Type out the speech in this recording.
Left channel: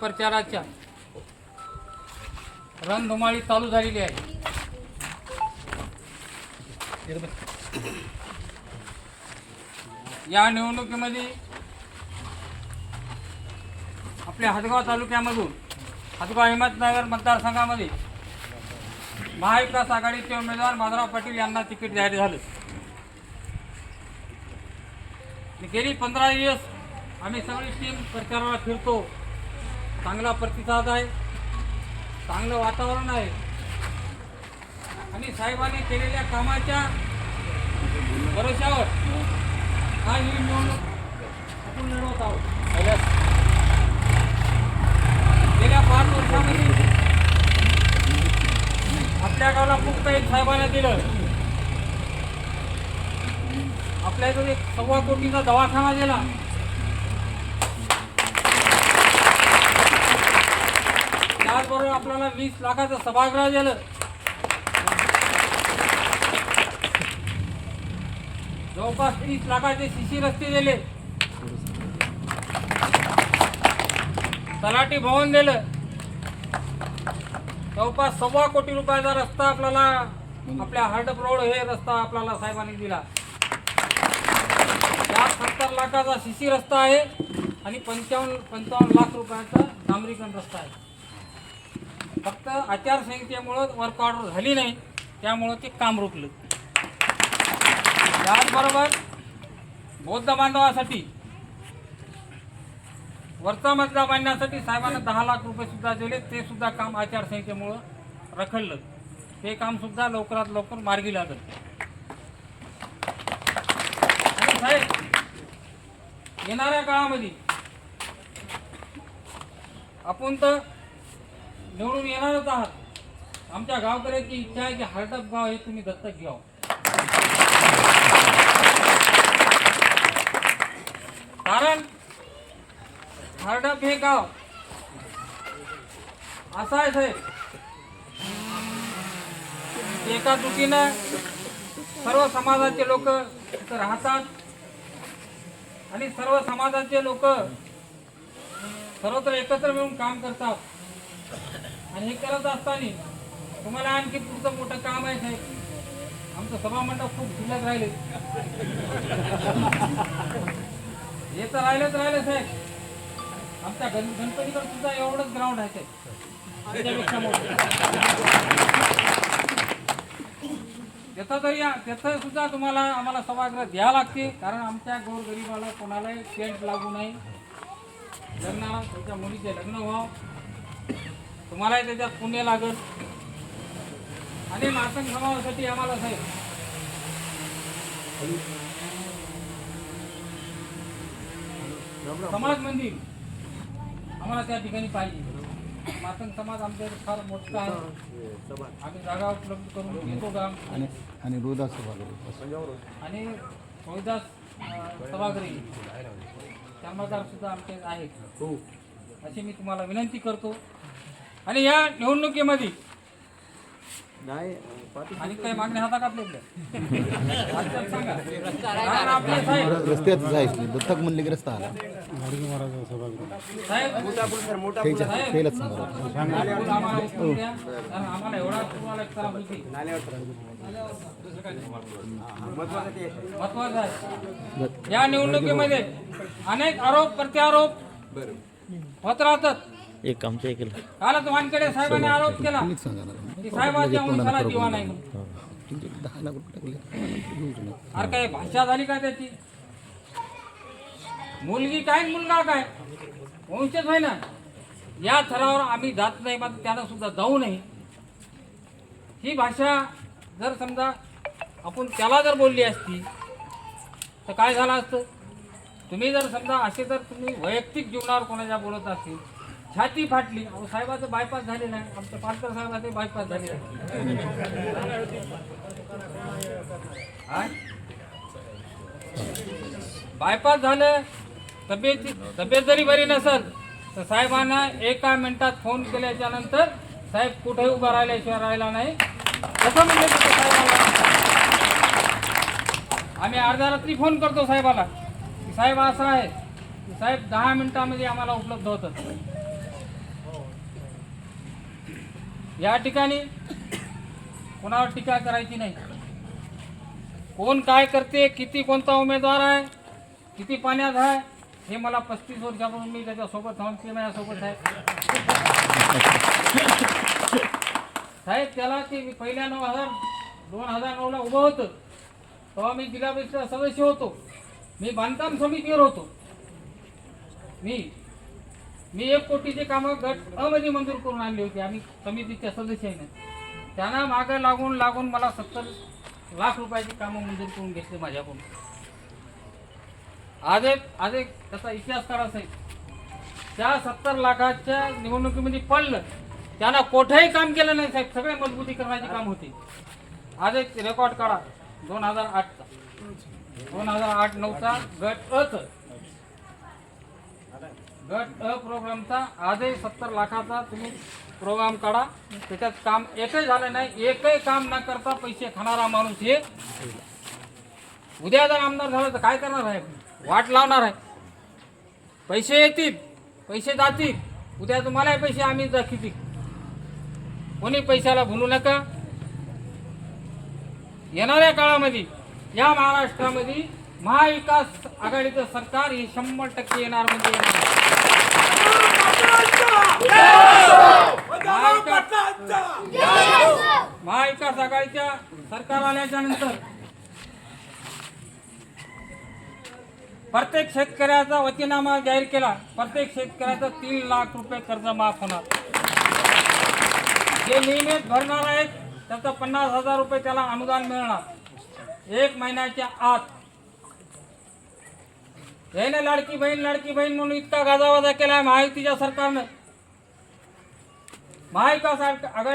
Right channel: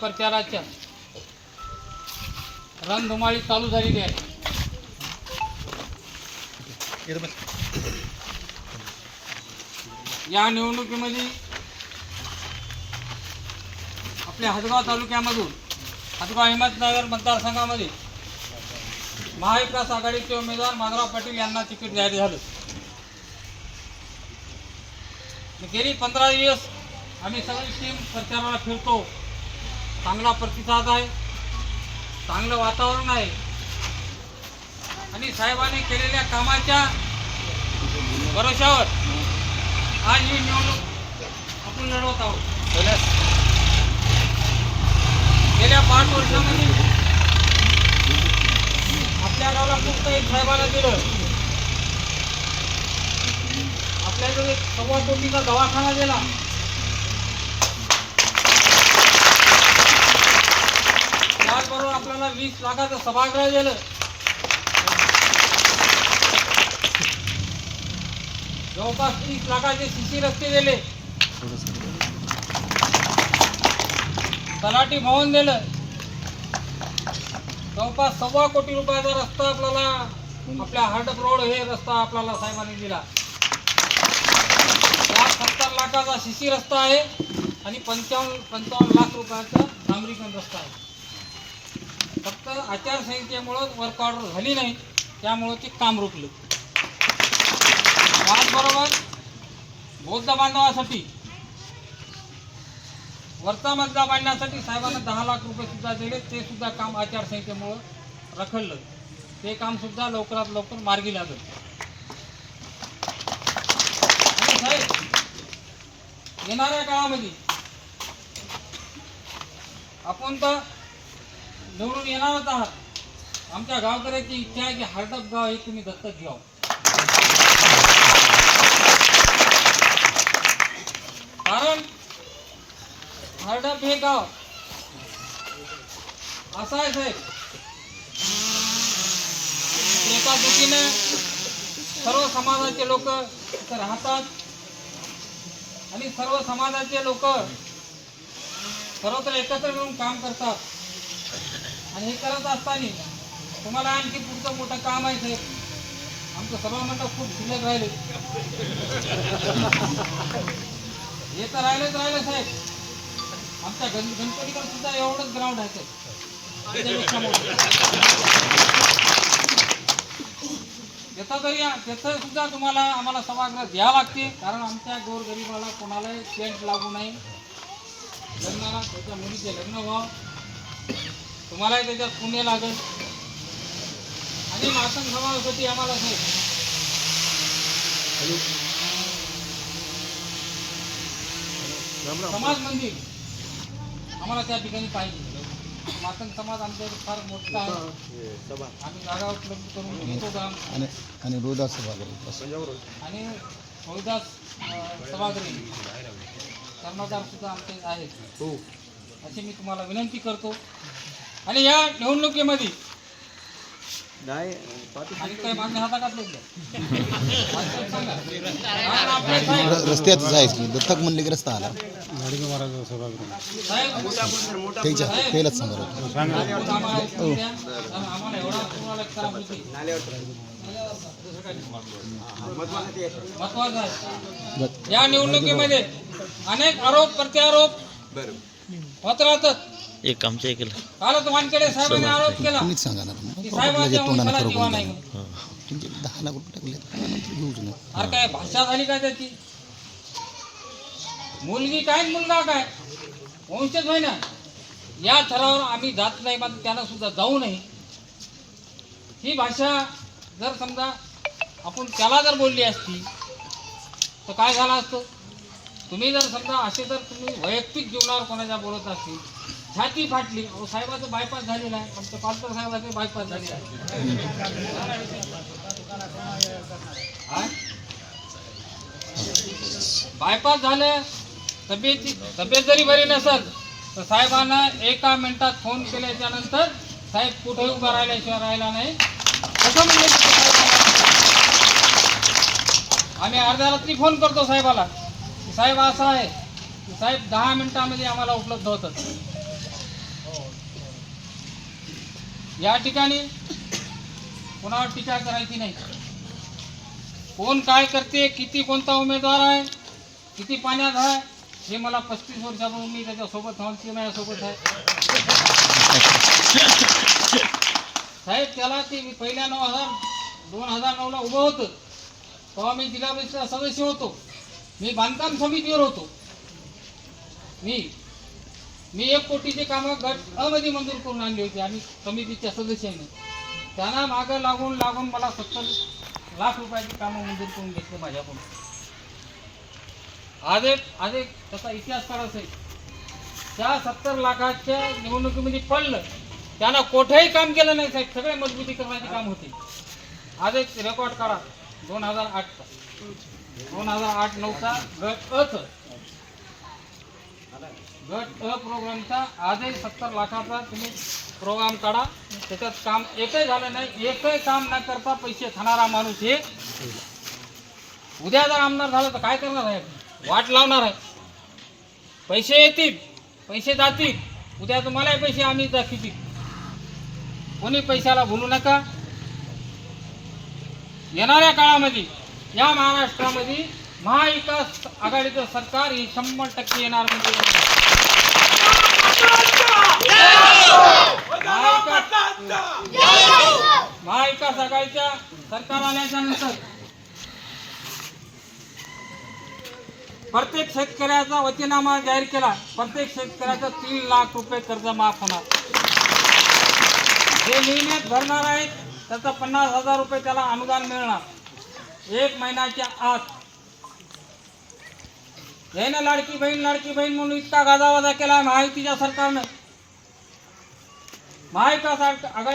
प्रचाराच्या. रणधुमाळी चालू झालेली आहे. या निवडणुकीमध्ये आपल्या हदगाव तालुक्यामधून हदगाव हिम्मतनगर मतदारसंघामध्ये महाविकास आघाडीचे उमेदवार माधवराव पाटील यांना तिकीट जाहीर झालं. गेली पंधरा दिवस आम्ही सगळी टीम प्रचाराला फिरतो. चांगला प्रतिसाद आहे. चांगलं वातावरण आहे. आणि साहेबांनी केलेल्या कामाच्या भरोशावर आज ही निवडणूक आपण लढवत आहोत. गेल्या पाच वर्षांमध्ये आपल्या गावाला मुक्त एक साहेबाला दिलं. आपल्या इथे एक सव्वा कोटीचा दवाखाना दिला त्याचबरोबर आपल्याला वीस लाखाचं सभागृह दिलं. जवळपास तीस लाखाचे शिशी रस्ते दिले. तलाठी भवन दिलं. जवळपास सव्वा कोटी रुपयाचा रस्ता आपल्याला आपल्या हार्डप रोड हे रस्ता आपल्याला साहेबांनी दिला. यात सत्तर लाखाचा शिशी रस्ता आहे आणि पंचावन्न पंचावन्न लाख रुपयाचा डांबरीकरण रस्ता आहे. आचारसंहितेमुळं वर्क ऑर्डर झाली नाही त्यामुळं ते काम रोखलं त्याचबरोबर बौद्ध बांधवासाठी वरचा मजला बांधण्यासाठी साहेबांना दहा लाख रुपये सुद्धा दिले ते सुद्धा काम आचारसंहितेमुळं रखडलं. ते काम सुद्धा लवकरात लवकर मार्गी लागलं. आणि साहेब येणाऱ्या काळामध्ये आपण तर निवडून येणारच आहात आमच्या गावकऱ्याची इच्छा आहे की हरडप गाव हे तुम्ही दत्तक घ्याव. कारण हरडप हे गाव असं आहे साहेब. एका दुखीने सर्व समाजाचे लोक इथं राहतात आणि सर्व समाजाचे लोक सर्वत्र एकत्र मिळून काम करतात. आणि हे करत असताना तुम्हाला आणखी पुढचं मोठं काम आहे साहेब. आमचं सभामंडप खूप शिल्लक राहिले. हे तर राहिलंच राहिलं साहेब. आमच्या गण गणपतीकडे सुद्धा एवढंच ग्राउंड आहे साहेब. मोठं त्याचं तरी त्याचं सुद्धा तुम्हाला आम्हाला सभागृह द्यावं लागते कारण आमच्या गोरगरिबाला कोणालाही टेंट लागू नये लग्नाला त्याच्या मुलीचे लग्न व्हावं. तुम्हालाही त्याच्यात पुण्य लागल. आणि मातंग समाजासाठी आम्हाला साहेब. समाज मंदिर. आम्हाला त्या ठिकाणी पाहिजे. मातंग समाज आमच्या इथे फार मोठा आहे. आम्ही जागा उपलब्ध करून घेतो काम आणि आणि रोदास सभागृह. आणि रोहिदास सभागृही. कर्मचार सुद्धा आमचे आहेत. अशी मी तुम्हाला विनंती करतो. आणि या निवडणुकीमध्ये आणि काही मागण्या आपले साहेब दत्तक म्हणले की रस्ता आला साहेब त्याच्या पहिलाच समजा. आपण आम्हाला उत्तर द्या. कारण आम्हाला एवढा तुम्हाला एक त्रास होती महत्वाचं आहे. या निवडणुकीमध्ये अनेक आरोप प्रत्यारोप होत राहतात. एक आमच्या इकडे कालच वानखेडे साहेबांनी आरोप केला. तुम्हीच सांगा ना की साहेबांच्या वंशाला दिवा नाही. म्हणून तुमचे दहा लाख रुपये टाकले? घेऊच नाही. अरे काय भाषा झाली का त्याची? मुलगी काय मुलगा काय? वंशज होय ना? या थरावर आम्ही जात नाही मात्र त्याला सुद्धा जाऊ नये. ही भाषा जर समजा आपण त्याला जर बोलली असती तर काय झालं असतं? तुम्ही जर समजा असे जर तुम्ही वैयक्तिक जीवनावर कोणाच्या बोलत असतील छाती फाटली. अहो साहेबाचं बायपास झालेलं आहे. आमच्या पालकर साहेबाचं बायपास झालेलं आहे. बायपास झालं. तब्येत तब्येत जरी बरी नसेल तर साहेबांना एका मिनिटात फोन केल्याच्यानंतर साहेब कुठेही उभा राहिल्याशिवाय राहिला नाही. कसं म्हणजे साहेबाला आम्ही अर्धा रात्री फोन करतो साहेबाला. साहेब असं आहे. की साहेब दहा मिनिटामध्ये आम्हाला उपलब्ध होतात. या ठिकाणी कोणावर टीका करायची नाही. कोण काय करते किती कोणता उमेदवार आहे किती पाण्यात आहे हे मला पस्तीस वर्षापासून मी त्याच्यासोबत थांबते माझ्यासोबत आहे. साहेब त्याला ते पहिल्या नऊ हजार दोन हजार नऊला उभं होतं. तेव्हा मी जिल्हा परिषद सदस्य होतो. मी बांधकाम समितीवर होतो. मी मी एक कोटीचे कामं गट अमध्ये मंजूर करून आणली होती आम्ही समितीच्या सदस्याने. त्यांना मागं लागून लागून मला सत्तर लाख रुपयाची कामं मंजूर करून घेतले माझ्याकडून. आज एक आज एक त्याचा इतिहास काढायचा आहे. त्या सत्तर लाखाच्या निवडणुकीमध्ये पडलं. त्यांना कोठेही काम केलं नाही साहेब सगळे मजबूतीकरणाचे काम होते. आज एक रेकॉर्ड काढा. दोन हजार आठचा. दोन हजार आठ नऊचा गट अच गट अ प्रोग्रामचा आजही सत्तर लाखाचा तुम्ही प्रोग्राम काढा. त्याच्यात काम एकही झालं नाही. एकही काम न करता पैसे खाणारा माणूस हे उद्या जर आमदार झालं तर काय करणार आहे? वाट लावणार आहे. पैसे येतील पैसे जातील. उद्या तुम्हालाही पैसे आम्ही दाखवतील. कोणी पैशाला भुलू नका. येणाऱ्या काळामध्ये या महाराष्ट्रामध्ये महाविकास आघाडीचं सरकार हे शंभर टक्के येणार म्हणजे महाविकास आघाडीच्या सरकार आल्याच्यानंतर प्रत्येक शेतकऱ्याचा वतीनामा जाहीर केला. प्रत्येक शेतकऱ्याचा तीन लाख रुपये कर्ज माफ होणार. जे नियमित भरणार आहेत त्याचा पन्नास हजार रुपये त्याला अनुदान मिळणार. एक महिन्याच्या आत. याने लाडकी बहीण लाडकी बहीण म्हणून इतका गाजावाजा केला आहे महायुतीच्या सरकारनं. महायुका आघ-